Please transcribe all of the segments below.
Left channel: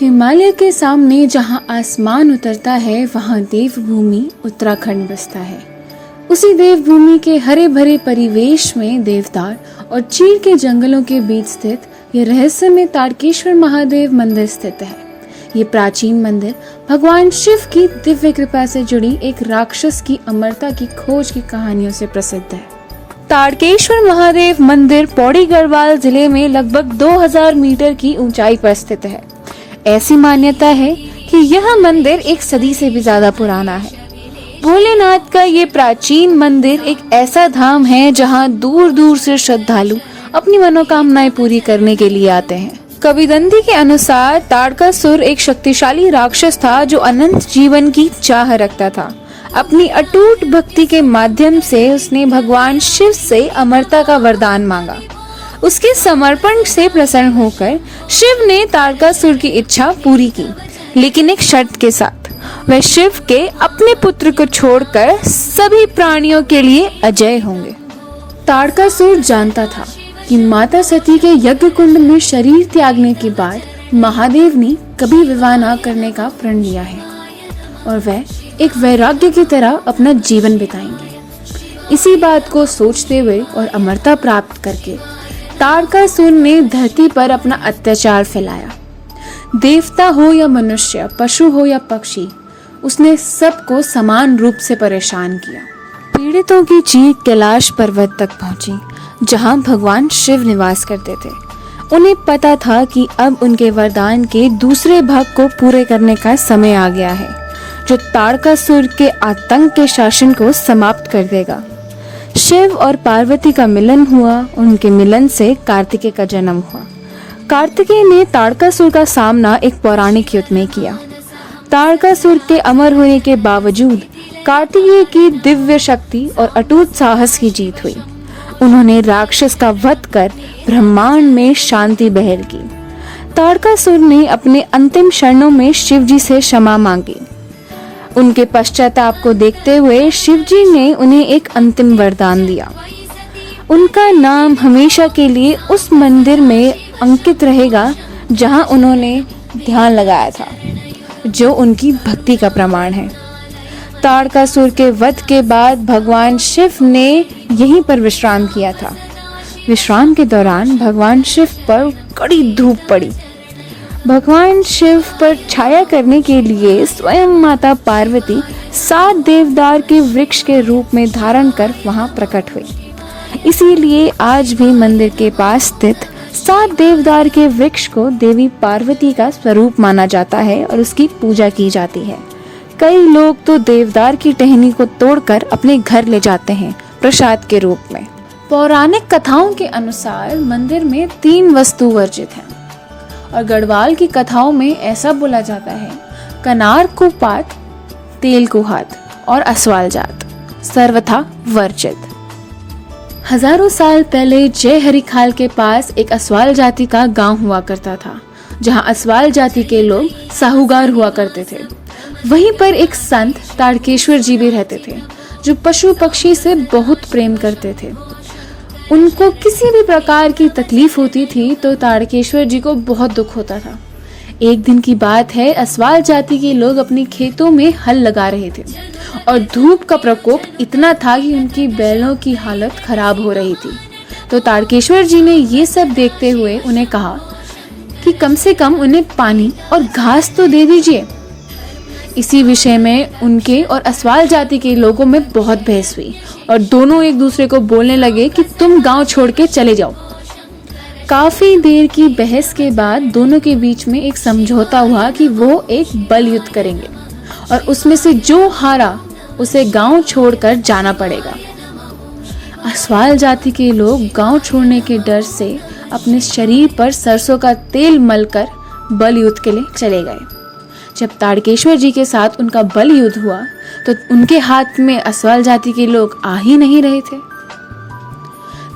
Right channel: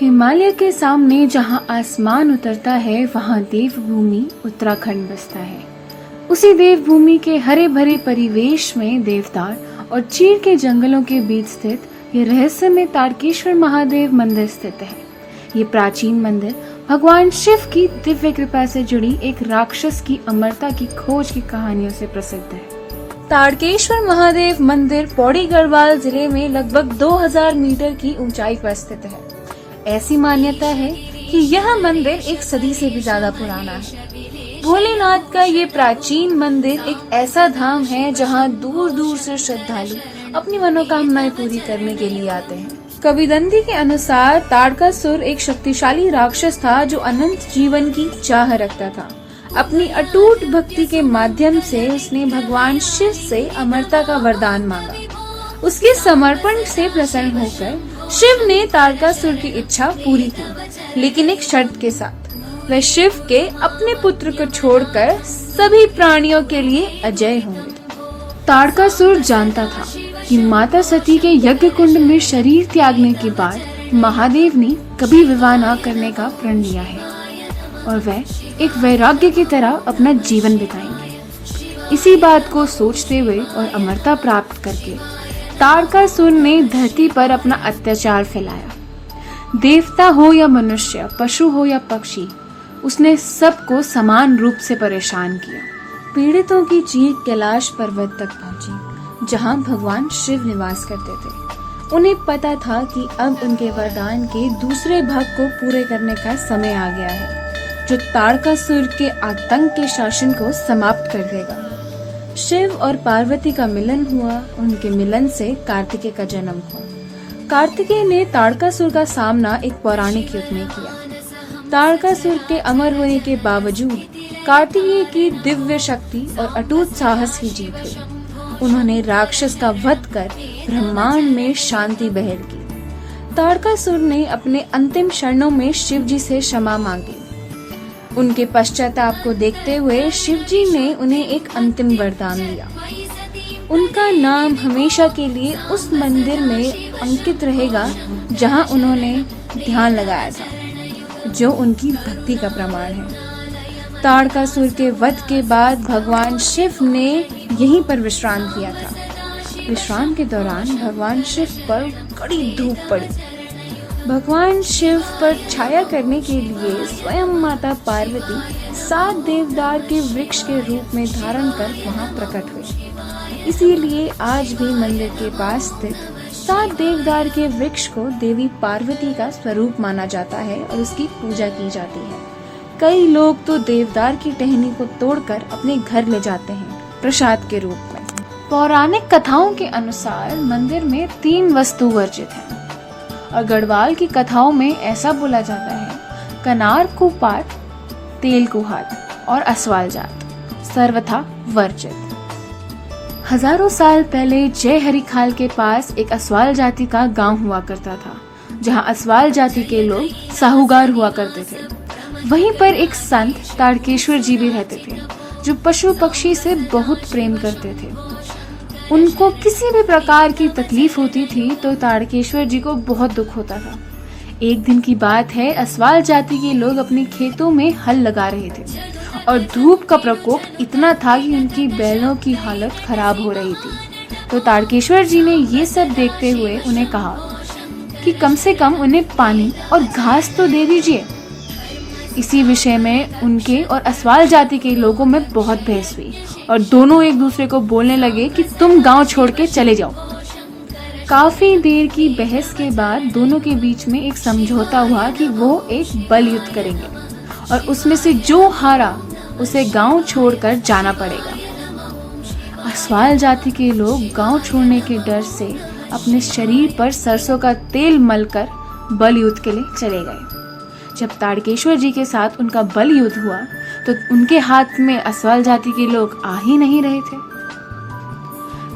हिमालय के सामने जहां आसमान उतरता है वहां देवभूमि उत्तराखंड बसता है। उसी देवभूमि के हरे भरे परिवेश में देवदार और चीड़ के जंगलों के बीच स्थित ये रहस्यमय तारकेश्वर महादेव मंदिर स्थित है। ये प्राचीन मंदिर भगवान शिव की दिव्य कृपा से जुड़ी एक राक्षस की अमरता की खोज की कहानियों से प्रसिद्ध है। तारकेश्वर महादेव मंदिर पौड़ी गढ़वाल जिले में लगभग 2000 मीटर की ऊंचाई पर स्थित है। ऐसी मान्यता है कि यह मंदिर एक सदी से भी ज्यादा पुराना है। भोलेनाथ का ये प्राचीन मंदिर एक ऐसा धाम है जहां दूर दूर से श्रद्धालु अपनी मनोकामनाएं पूरी करने के लिए आते हैं। कविदंती के अनुसार तारकासुर एक शक्तिशाली राक्षस था जो अनंत जीवन की चाह रखता था। अपनी अटूट भक्ति के माध्यम से उसने भगवान शिव से अमरता का वरदान मांगा। उसके समर्पण से प्रसन्न होकर शिव ने तारकासुर की इच्छा पूरी की, लेकिन एक शर्त के साथ। वह शिव के अपने पुत्र को छोड़कर सभी प्राणियों के लिए अजय होंगे। तारकासुर जानता था कि माता सती के यज्ञ कुंड में शरीर त्यागने के बाद महादेव ने कभी विवाह न करने का प्रण लिया है और वह एक वैराग्य की तरह अपना जीवन बिताएंगे। इसी बात को सोचते हुए और अमरता प्राप्त करके तारकासुर ने धरती पर अपना अत्याचार फैलाया। देवता हो या मनुष्य, पशु हो या पक्षी, उसने सबको समान रूप से परेशान किया। पीड़ितों की चीख कैलाश पर्वत तक पहुंची, जहां भगवान शिव निवास करते थे। उन्हें पता था कि अब उनके वरदान के दूसरे भाग को पूरे करने का समय आ गया है, जो तारकासुर के आतंक के शासन को समाप्त कर देगा। शिव और पार्वती का मिलन हुआ। उनके मिलन से कार्तिकेय का जन्म हुआ। कार्तिकेय ने तारकासुर का सामना एक पौराणिक युद्ध में किया। तारकासुर के अमर होने के बावजूद कार्तिकेय की दिव्य शक्ति और अटूट साहस की जीत हुई। उन्होंने राक्षस का वध कर ब्रह्मांड में शांति बहाल की। तारकासुर ने अपने अंतिम क्षणों में शिव जी से क्षमा मांगी। उनके पश्चाताप को देखते हुए शिव जी ने उन्हें एक अंतिम वरदान दिया। उनका नाम हमेशा के लिए उस मंदिर में अंकित रहेगा जहां उन्होंने ध्यान लगाया था, जो उनकी भक्ति का प्रमाण है। तारकासुर के वध के बाद भगवान शिव ने यहीं पर विश्राम किया था। विश्राम के दौरान भगवान शिव पर कड़ी धूप पड़ी। भगवान शिव पर छाया करने के लिए स्वयं माता पार्वती 7 देवदार के वृक्ष के रूप में धारण कर वहां प्रकट हुई। इसीलिए आज भी मंदिर के पास स्थित 7 देवदार के वृक्ष को देवी पार्वती का स्वरूप माना जाता है और उसकी पूजा की जाती है। कई लोग तो देवदार की टहनी को तोड़कर अपने घर ले जाते हैं प्रसाद के रूप में। पौराणिक कथाओं के अनुसार मंदिर में 3 वस्तु वर्जित हैं और गढ़वाल की कथाओं में ऐसा बोला जाता है: कनार को पात, तेल को हाथ और अस्वाल जात सर्वथा वर्जित। हजारों साल पहले जय हरिखाल के पास एक अस्वाल जाति का गांव हुआ करता था, जहां अस्वाल जाति के लोग साहूकार हुआ करते थे। वहीं पर एक संत तारकेश्वर जी भी रहते थे, जो पशु पक्षी से बहुत प्रेम करते थे। उनको किसी भी प्रकार की तकलीफ होती थी तो तारकेश्वर जी को बहुत दुख होता था। एक दिन की बात है, अस्वाल जाति के लोग अपने खेतों में हल लगा रहे थे और धूप का प्रकोप इतना था कि उनकी बैलों की हालत खराब हो रही थी। तो तारकेश्वर जी ने ये सब देखते हुए उन्हें कहा कि कम से कम उन्हें पानी और घास तो दे दीजिए। इसी विषय में उनके और अस्वाल जाति के लोगों में बहुत बहस हुई और दोनों एक दूसरे को बोलने लगे कि तुम गांव छोड़ के चले जाओ। काफी देर की बहस के बाद दोनों के बीच में एक समझौता हुआ कि वो एक बल युद्ध करेंगे और उसमें से जो हारा उसे गांव छोड़कर जाना पड़ेगा। अस्वाल जाति के लोग गांव छोड़ने के डर से अपने शरीर पर सरसों का तेल मलकर बल युद्ध के लिए चले गए। जब तारकेश्वर जी के साथ उनका बल युद्ध हुआ तो उनके हाथ में अस्वाल जाति के लोग आ ही नहीं रहे थे।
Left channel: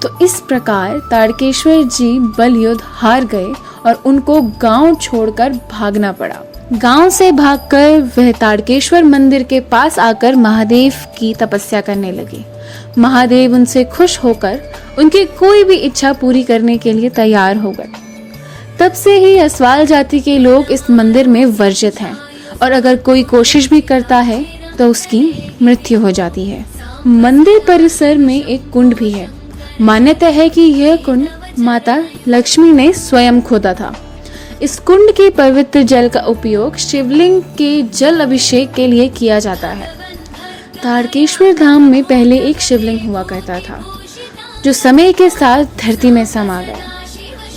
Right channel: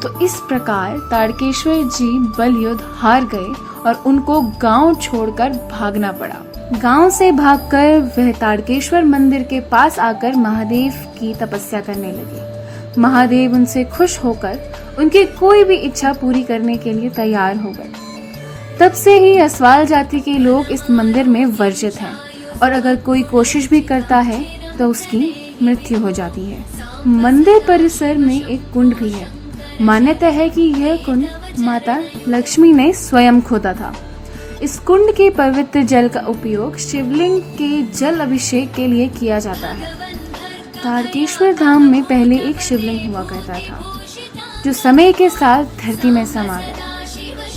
तो इस प्रकार तारकेश्वर जी बल युद्ध हार गए और उनको गांव छोड़कर भागना पड़ा। गांव से भागकर वह तारकेश्वर मंदिर के पास आकर महादेव की तपस्या करने लगे। महादेव उनसे खुश होकर उनकी कोई भी इच्छा पूरी करने के लिए तैयार हो गए। तब से ही असवाल जाति के लोग इस मंदिर में वर्जित हैं और अगर कोई कोशिश भी करता है तो उसकी मृत्यु हो जाती है। मंदिर परिसर में एक कुंड भी है। मान्यता है कि यह कुंड माता लक्ष्मी ने स्वयं खोदा था। इस कुंड के पवित्र जल का उपयोग शिवलिंग के जल अभिषेक के लिए किया जाता है। तारकेश्वर धाम में पहले एक शिवलिंग हुआ करता था जो समय के साथ धरती में समा गया।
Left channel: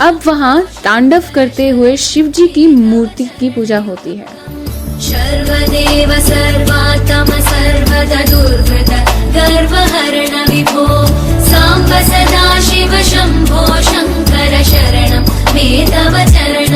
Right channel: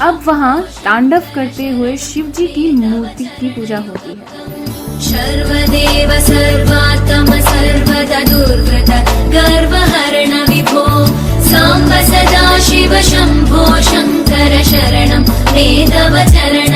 अब वहाँ तांडव करते हुए शिव जी की मूर्ति की पूजा होती है। सर्वदेव सर्वात्म सर्वदा दुर्गत गर्वहरण विभो सांब सदा शिव शंभो शंकर शरणं मे तव चरणं।